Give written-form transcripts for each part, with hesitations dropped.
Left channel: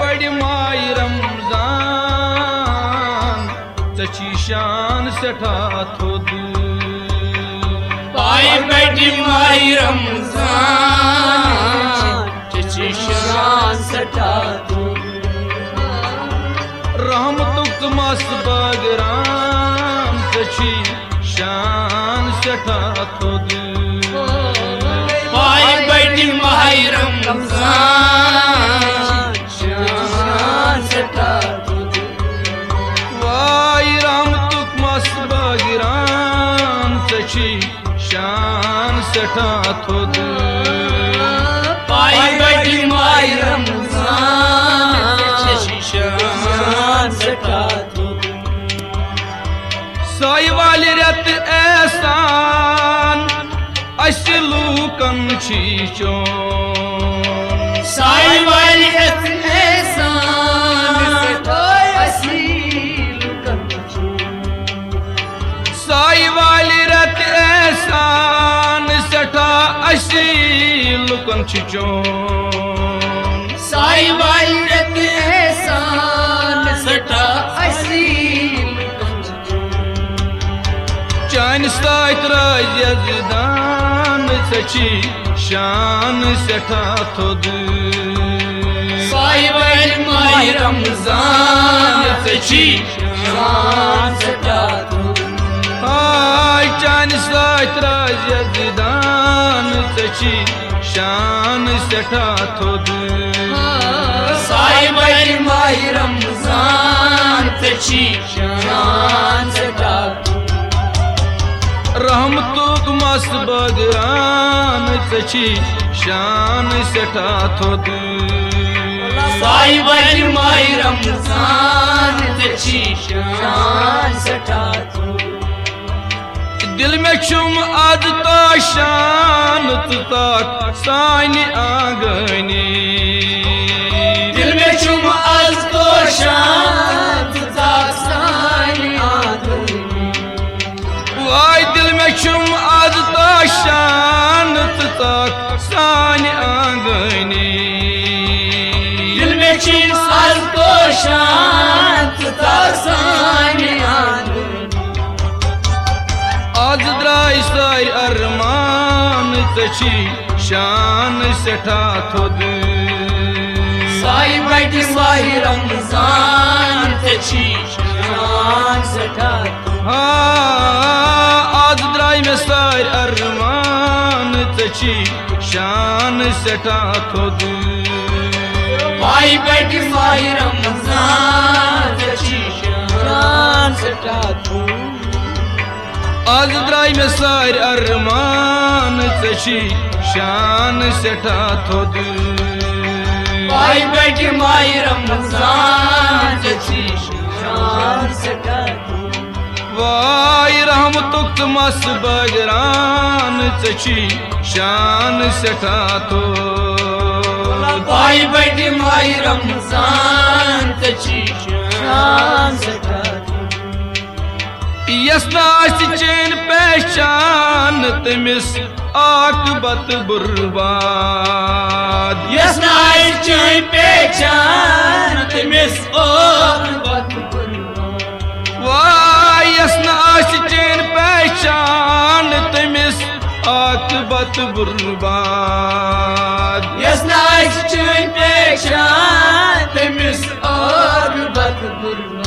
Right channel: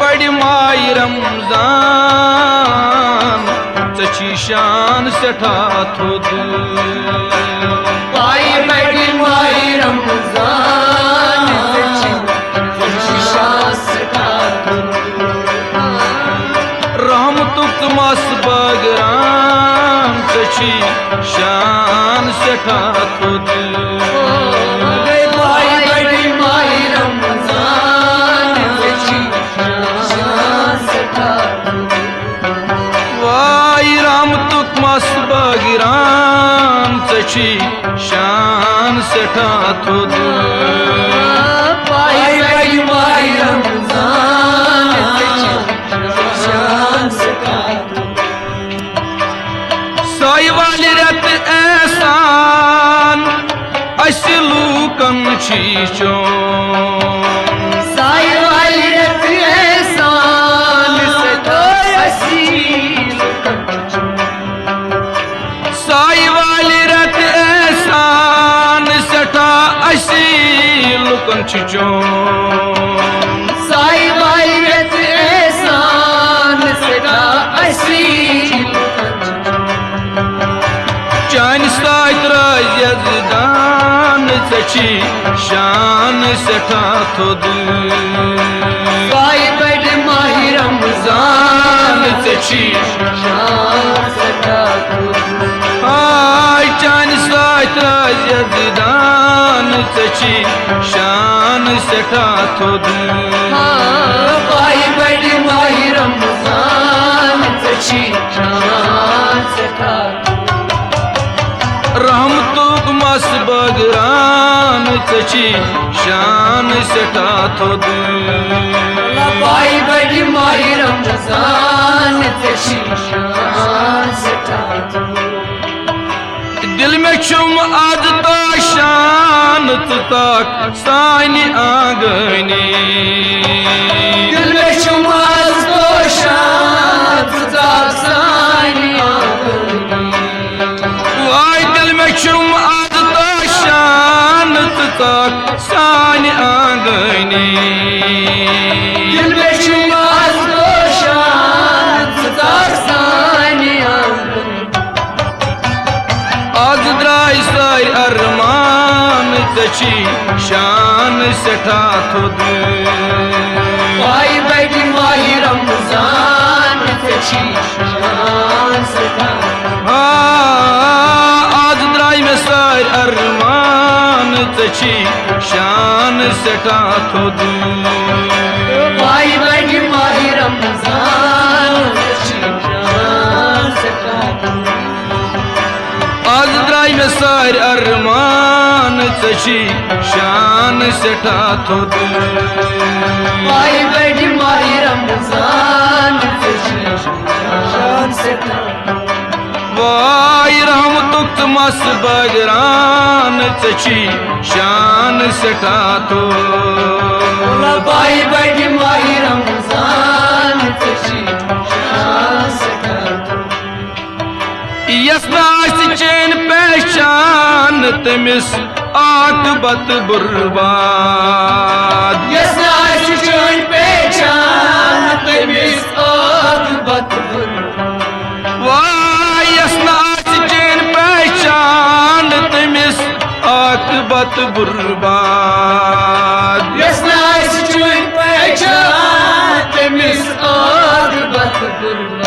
बड़ी माई रमजान ची शान सठा थोद पाई बड़ी माई रमजान ची शान सठा रहमतुक मस बगराम ची शान सठा थोद बगिराम ची शान सठा थोद पाई बड़ी माई रमजान शान सठा साई वाली रत एहसान अस लूकन छी चोन साई वाली रत साई वाली रत एहसान सठा असी लुकन चोन साई वाली रत एहसान सठा असी चान सात यजदान ची शान सठा थोद साई बड़ी माई रमजान ची शान सठा हाय चान सात यजदान ची शान सठा थोद साई बड़ी माई रमजान ची शान सठा रहमतुक मस बगरान ची शान सठा थोद साई बड़ी माई रमजान ची शान सठा दिल में छुम आदता शान तक सानी आंगनी दिल में छुम आदता शान तक सानी आंगनी वाई दिल में छुम आदता शान तक सानी आंगनी दिल में छुम आदता शान तक सानी आंगनी आज द्राई साई अरमान ची शान सठा थोद साई बड़ी माई रमजान ची शान सठा आज द्राई में साई अरमान ची शान सठा थोद पाई बड़ी माई रमजान ची शान सठा आज द्राई में सार अरमान ची शान सठा थोद पाई बड़ी माई रमजान ची शान सठा वाई रहमतुक मस बगरान ची शान सठा थोद पाई बड़ी माई रमजान ची शान सठा यस्नास चैन पहचान तमिस आकबत बुर्बाद यस्नास चैन पहचान तमिस आकबत वाह यस्नास चैन पहचान तमिस आकबत बुर्बाद यस्नास चैन पहचान तमिस आकबत बुर्बाद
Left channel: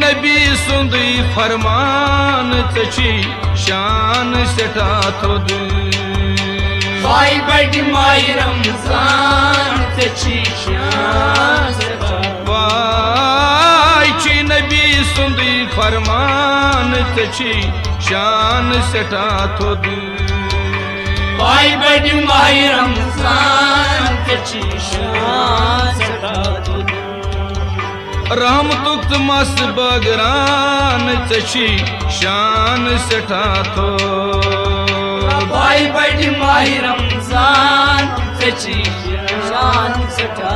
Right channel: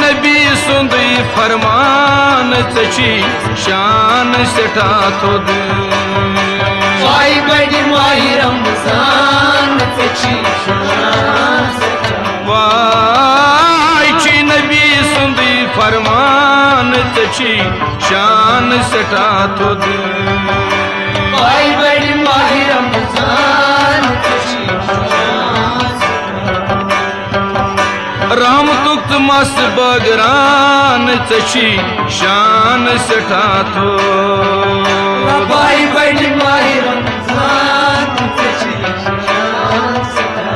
नबी सुंद फरमान ची शान सठा थोद पाई बड़ी माई रमजान ची शान सठा वाई ची नबी सुंद फरमान ची शान सठा थोद पाई बड़ी माई रमजान ची शान सठा रहमतुक मस बगरान ची शान सठा थोद पाई बड़ी माई रमजान ची शान सठा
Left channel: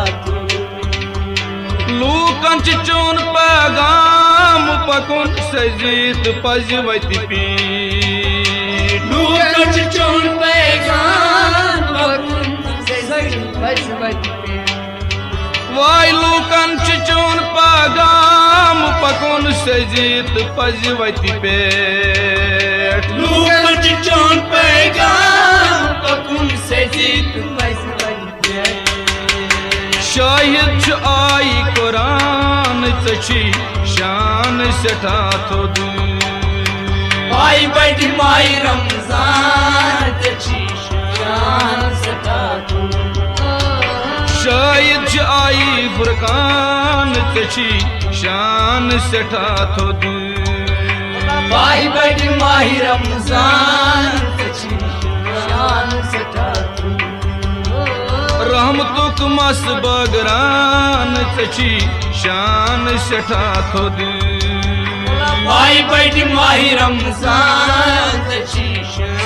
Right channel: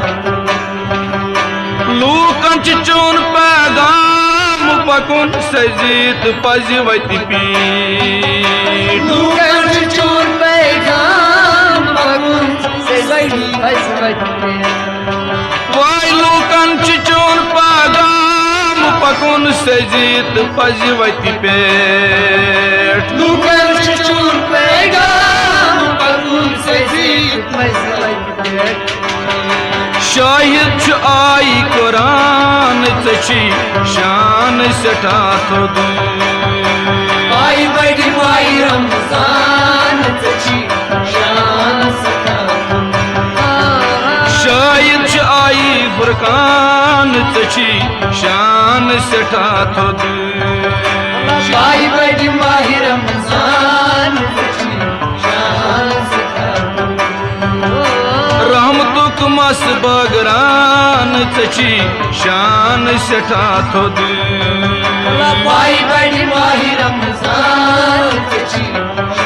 लूकन चोन पैगाम पकुन सजीत पज वत पीठ लूकन चोन पैगाम पकुन सजीत पज वत पीठ लूकन चून पागाम पकुन सजित पजवति पेट लूकन चून पैगाम पकुन सजित पजवति पेट शाहिद आई कुरान चची शान सठा थोद आई बड़ी माई रमजान चची शान सठा शाहिद आई फुरकान चची शान सठा थोद आई बड़ी माई रमजान चची शान सठा रहमतुक मस बगरान चची शान सठा थोद आई बड़ी माही रमजान चची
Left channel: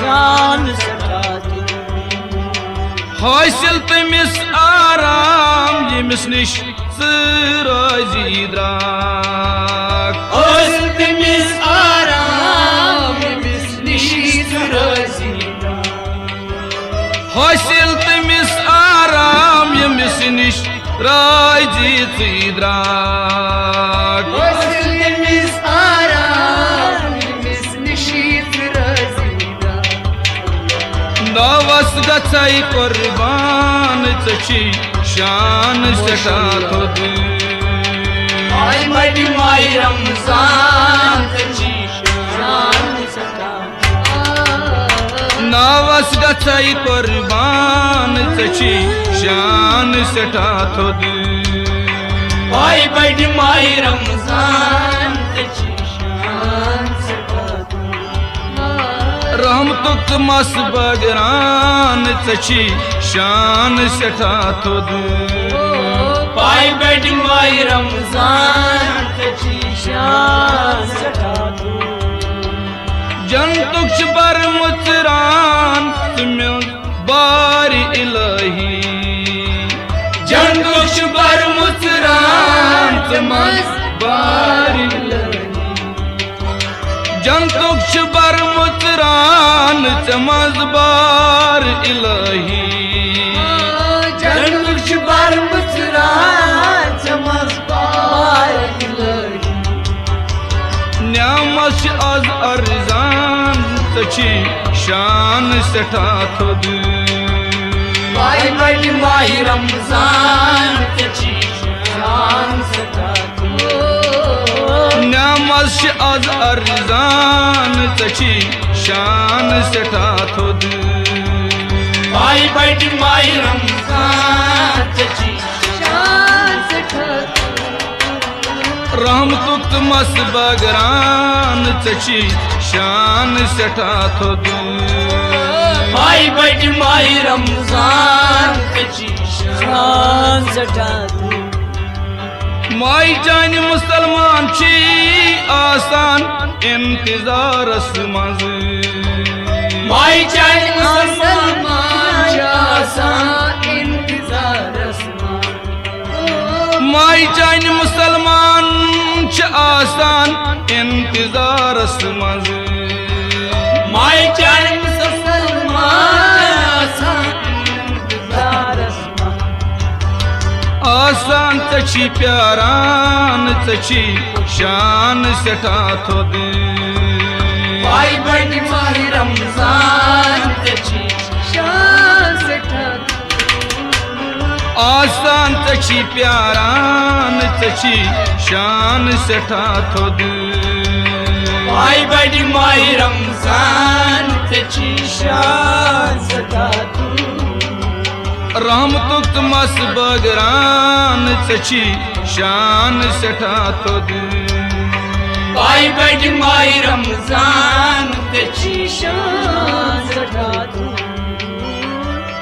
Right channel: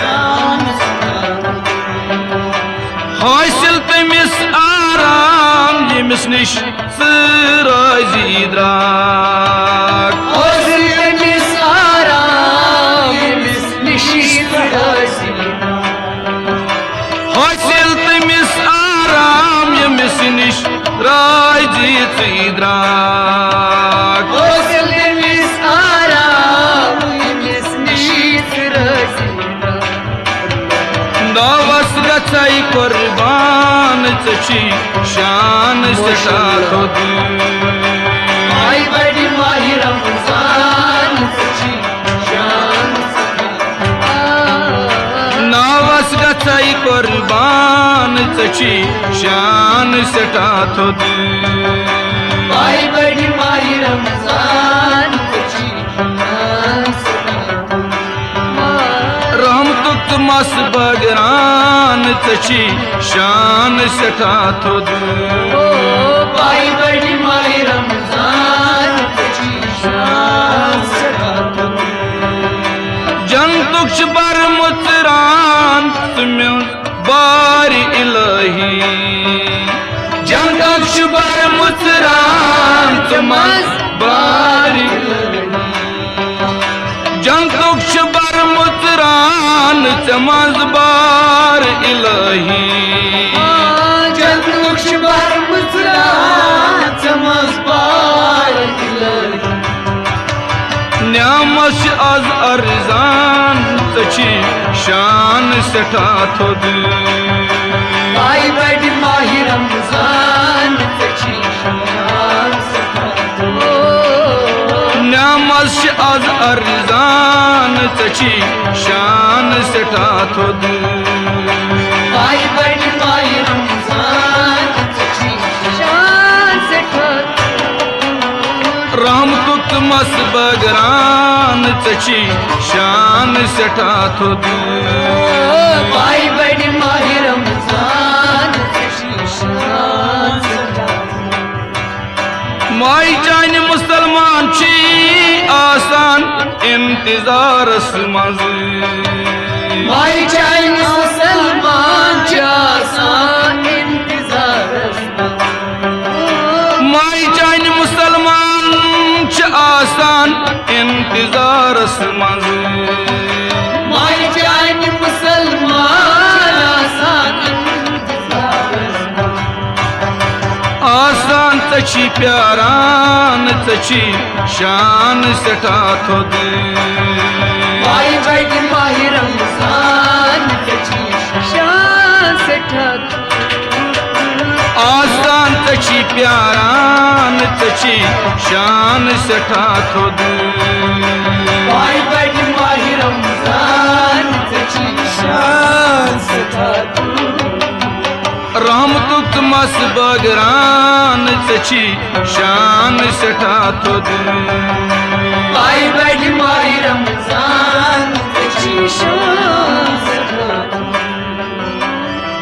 शान सठा हासिल तमिस आराम यमिस निश राजी द्राक हासिल तमिस आराम यमिस निश राजी हासिल तमिस आराम यमिस निश राजी द्राक हासिल तमिस आराम यमिस निश राजी दावस गछाई कुर्बान चची शान सठा थोद आई बड़ी माही रमजान चची शान सठा नावस गछाई कुर्बान चची शान सठा थोद आई बड़ी माही रमजान चची शान सठा रहमतुक मस बगरान चची शान सठा थोद आई बड़ी माही रमजान चची शान सठा जनतुक बर मुचरान तुम बारी इलाही जनतुक बर मुचरान तुम बारी जनतुक बर मुचरान चमज बार इलाही जनतुक बर मुचरान चमज बार इलाही न्यामस आज अर्जान चची शान सठा थोद आई बड़ी माही रमजान चची शान सठा न्यामस आज अर्जान चची शान सठा थोद आई बड़ी माही रमजान चची शान सठा रहमतुक मस बगरान चची शान सठा थोद आई बड़ी माही रमजान चची शान सठा माई चान मुसलमान छी आसान इंतजारस मज माई चाय मुसलमान आसान इंतजारस माई चान मुसलमान छ आसान इंतजारस मज माई चाय मुसलमान आसान इंतजारस आसान चची प्यारान चची शान सठा थोद आई बड़ी माही रमजान चची शान सठा आसान चची प्यारान चची शान सठा थोद आई बड़ी माही रमजान चची शान सठा रहमतुक मस बगरान चची शान सठा थोद आई बड़ी माही रमजान चची शान सठा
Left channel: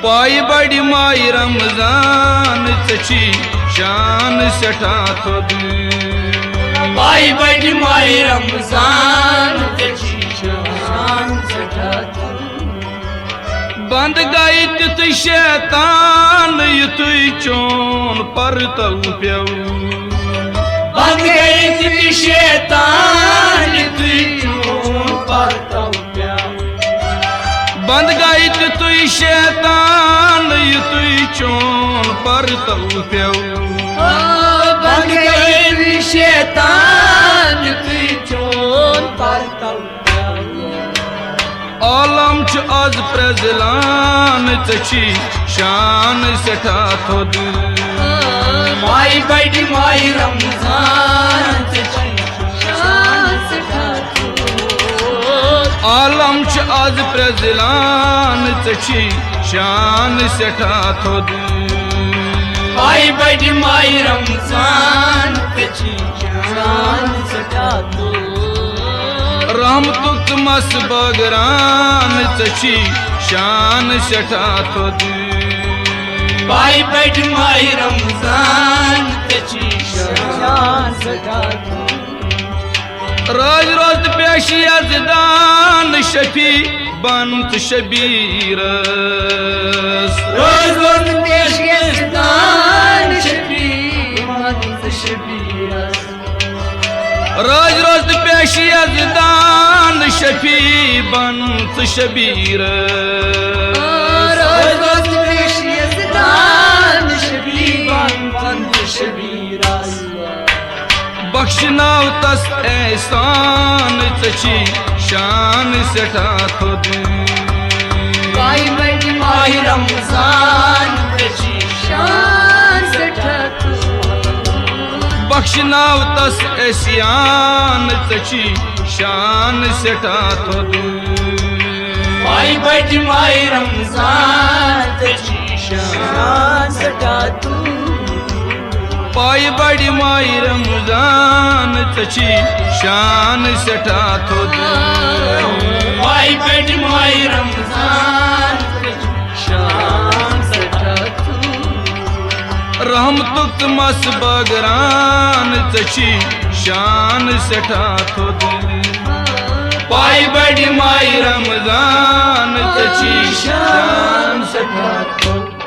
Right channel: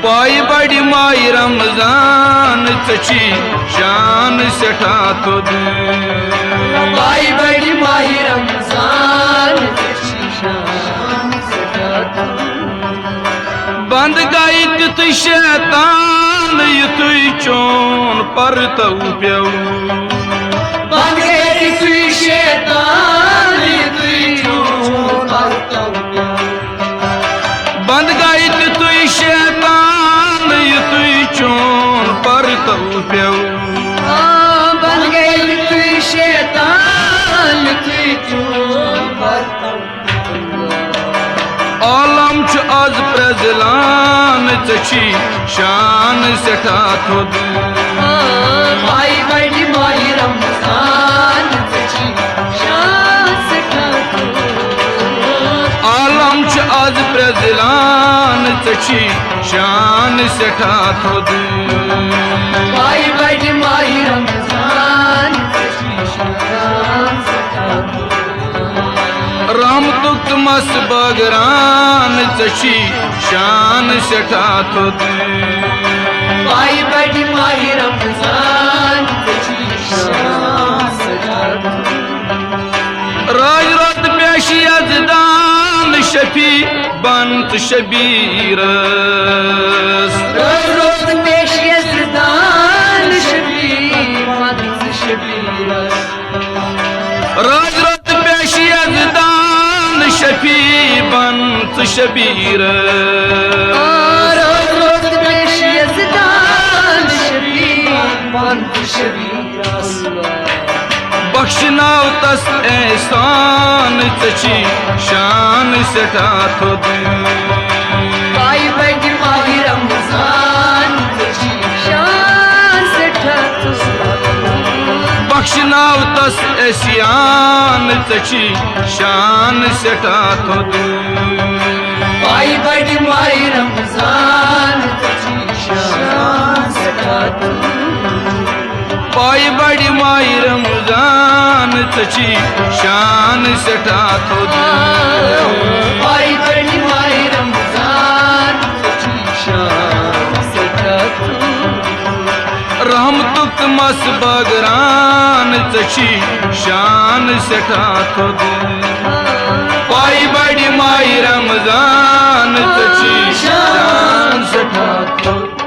पाई बड़ी माई रमजान चची शान सठा थोद आई बड़ी माही रमजान चची शान सठा बंद गई तित शैतान युत चोन पर तऊ प्यऊ बंद गई तुई शैतान तुई चोन पर तऊ बंद गई तित शैतान युत चोन पर तऊ प्यऊ शैतान तुई चोन पातव आलम च आज प्रजलान चशी शान सेठा थोद माई बड़ी माई रमजान चची शान सेठा आलम च आज प्रजलान चशी शान सेठा थोद माई बड़ी माई रमजान चची शान सेठा रहमतुक मस बगरान चशी शान सेठा थोद माई बड़ी माई रमजान चची शान सेठा राज रोज पेशी अजदान शफी बंत शबीरस रोज रोज पेश यजदान शबी मत शबीरस राज रोज पेशी अजदान शफी बंत शबीरस रोज रोज पेश यजदान शबी मत शबीरस बख्शनाव तस एहसान चशी शान सेठा थोद माई बड़ी माई रमजान चची शान सेठा बख्शनाव तस एहसान चशी शान सेठा थोद माई बड़ी माई रमजान चची शान सेठा पाई बड़ी माई रमजान चची शान सेठा थोद माई बड़ी माई रमजान चची शान सेठा रहमतुक मस बगरान चशी शान सेठा थोद पाई बड़ी माई रमजान चची शान सेठा थोद।